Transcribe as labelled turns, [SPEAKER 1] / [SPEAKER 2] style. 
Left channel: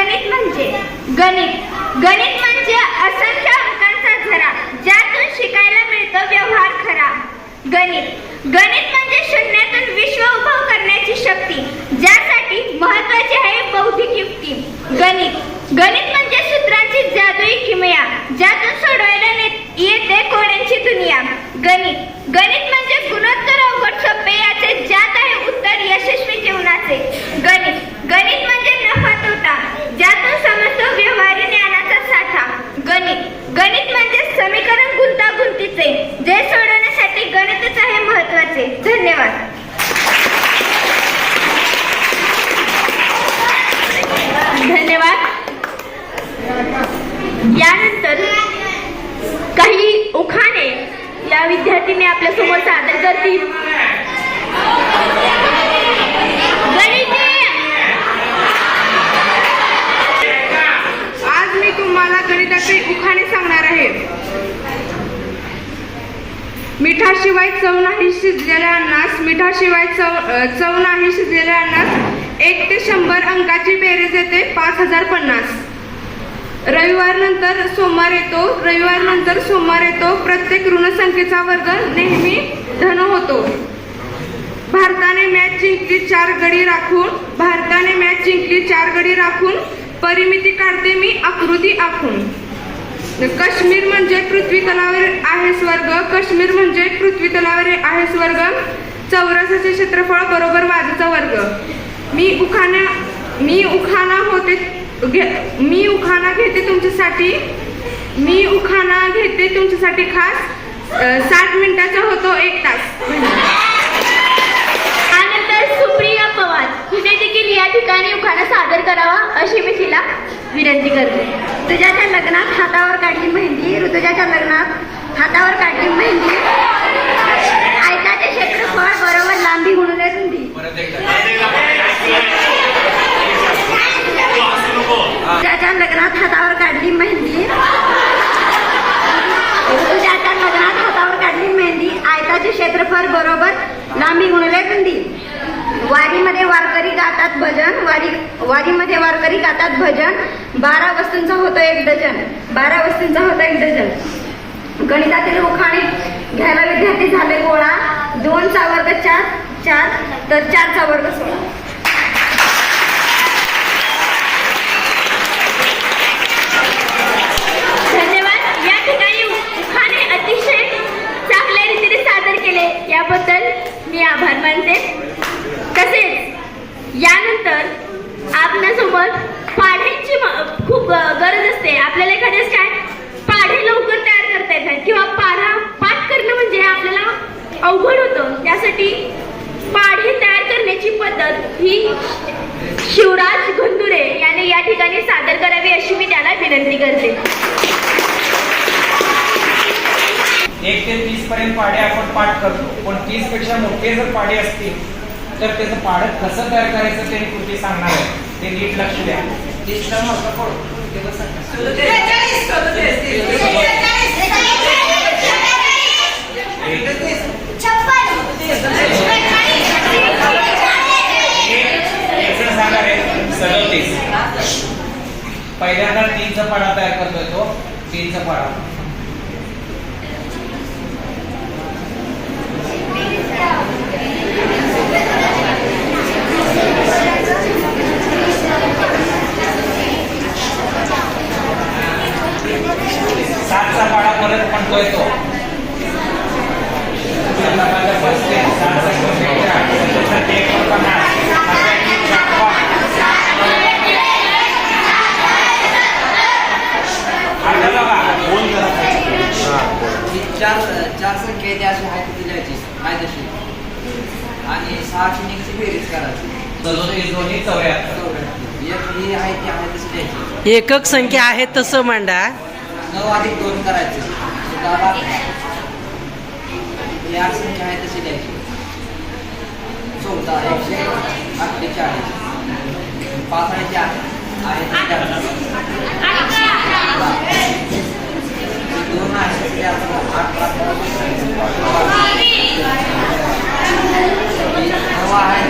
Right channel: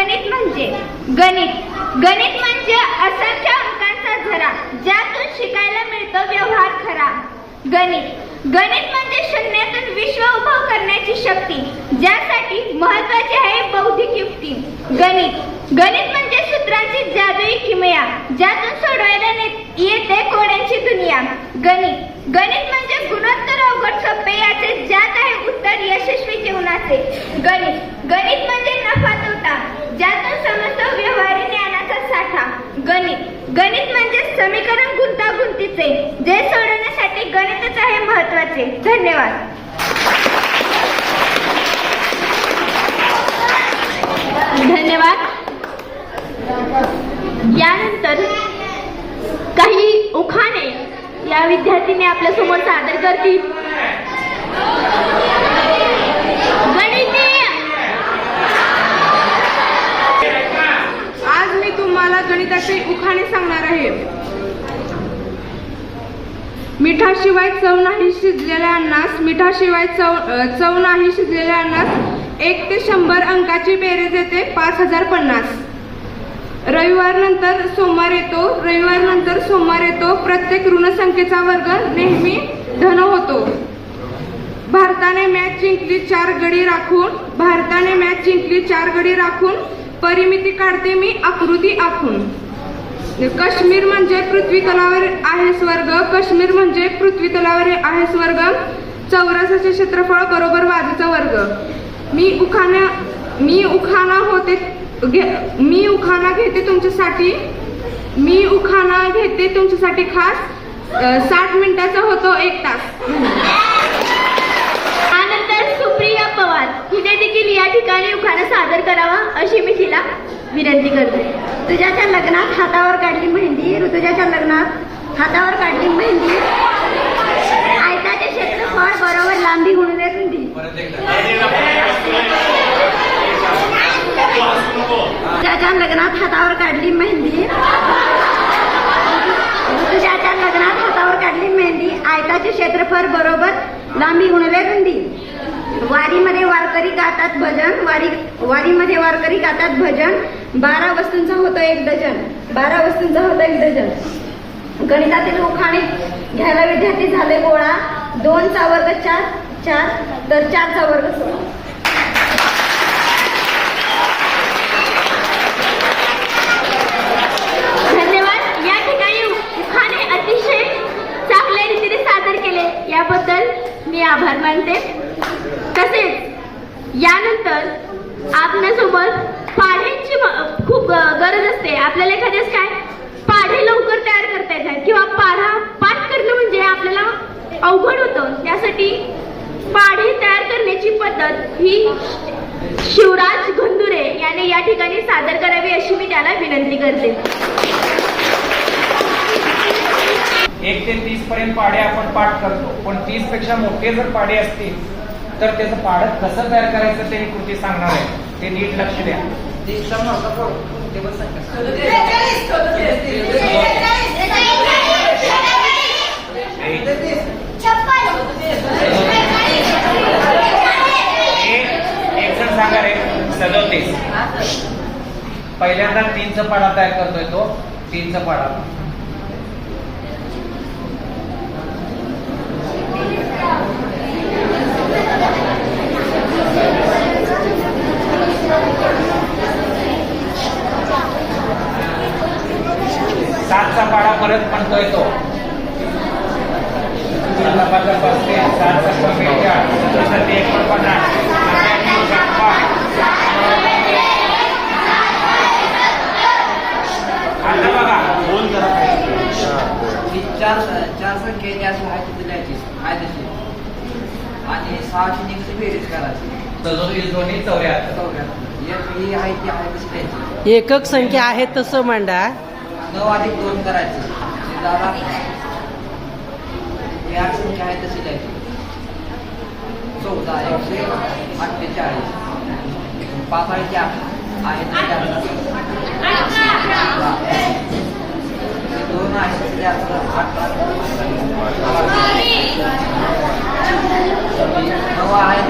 [SPEAKER 1] गणित म्हणजे? गणित. गणित म्हणजे असंख्य अंकांचा झरा ज्यातून शिकायला मिळतो व्यवहार खरा. गणित. गणित म्हणजे शून्यातून विश्व उभं करण्याची शक्ती ज्यासाठी महत्वाची आहे बौद्धिक युक्ती. गणित. गणित म्हणजे सूत्रांची जादुई किमया ज्यातून सोडवायला येते कोड्यांची दुनिया. गणित. गणित म्हणजे गुणोत्तर अवघड सोपे याचे ज्यात आहे उत्तर यशस्वी जीवनाचे. गणित. गणित म्हणजे नफा तोटा ज्यातून समजतो व्यवहारी ज्ञानाचा साठा गणित गणित म्हणजे समीकरण दिसते जे सोडवण्यासाठी गणितच आहे महत्त्वाचे. धन्यवाद. धन्यवाद. यानंतर काही उखाणे या विद्यार्थीने आपल्यासमोर सादर करतील.
[SPEAKER 2] आज मी तुम्हाला गणिताचे उखाणे सांगणार आहे मिठाशिवाय चव नाही शिजलेल्या अन्नास मिठाशिवाय चव चव नाही शिजलेल्या अन्नास एक ते शंभर अंकाची बेरीज येते पाच हजार पन्नास. रविवार नंतर सोमवार येतो रविवार नंतर सोमवार येतो प्रत्येक ऋणसंख्येचा वर्ग नेहमी धन होतो. भारताने मॅच जिंकली चार गडी राखून भारताने मॅच जिंकली चार गडी राखून परिमिती काढते मी आकृती आखून. काश्मीर म्हणजे पृथ्वी तलावर आहे स्वर्ग. काश्मीर म्हणजे पृथ्वी तलावर आहे स्वर्ग. चौरसाचे क्षेत्रफळ बरोबर वाजूचा वर्ग. मी उखाणा मी उखाणा होते घे- मी उखाणा घेते तुमच्यासाठी. मी उखाणा घेते तुमच्यासाठी खास. साठ मिनिटाचा होतो एक तास
[SPEAKER 1] त्यानंतर सुप्रिया पवार हिने देखील या ठिकाणी उखाणा सादर करावा अशी मी तिला विनंती करते ऋतुजाच्या लग्नात हातावर काढली मेहंदी ऋतुजाच्या लग्नात हातावर काढली मेहंदी ऐकाचे क्षेत्रफळ बरोबर लांबी गुणले रुंदी ऋतुजाच्या लग्नात हातावर काढली मेहंदी. ऋतुजाच्या लग्नात हातावर काढली मेहंदी. आयताचे क्षेत्रफळ बरोबर लांबी गुणले कंदी वारीमध्ये वारकरी गातात भजन वारी वारीमध्ये वारकरी गातात भजन. बारा वस्तूंचा होतं एक डझन. बारा वस्तूंचा होतं एक डझन. गणितातील उखाणे घ्यायला विद्यार्थी झाले गोळा. दोनचा वर्ग चार चार तर चारचा वर्ग सोळा धन्यवाद या ठिकाणी उखाणे अतिशय चांगल्या रीतीने सादर केले याबद्दल मी आभार मानते. तसेच यानंतर आपल्यासोबत पाढ्यांची खूप गरज असते. आपल्याला एखाद्यास काय पाढे लवकर तयार करता येतात किंवा पाढा पाठ करणं म्हणजे आपल्याला अवघड होतं. त्यासाठी पाढे तयार करण्याची पद्धत ही शिवराज घंदुरे याने या ठिकाणी सादर करावी अशी मी त्याला विनंती करते.
[SPEAKER 3] एक ते तीस पर्यंत पाडे आपण पाठ करतो. पण तीसपेक्षा मोठे जर पाडे असतील तर त्याचं पाढं कसं तयार करायचं ते कृती सांगणार आहे? ते नीट लक्ष द्या. एक जण सांगा रे सदोतीस. पहिल्यांदा तीनचा पाडा तयार करतोय तो तीनचा
[SPEAKER 4] पाडा. संख्या येते अशी आहे ती लिहायची आहे तशी आणि सहाशे निघची बेरीज करायची?
[SPEAKER 3] चौऱ्याहत्तर.
[SPEAKER 4] एक ही आहे ती आहे तशी लिहायची
[SPEAKER 5] एकक संख्या आहे तसं मांडा.
[SPEAKER 4] नऊ अधिक दोन करायचे. ही आठ संख्या आहे तशी लिहायची चौदा एकशे अठ्ठेचाळीस. पाच आहे चार. आहे. दोन आहे आठ पाच नऊ आहे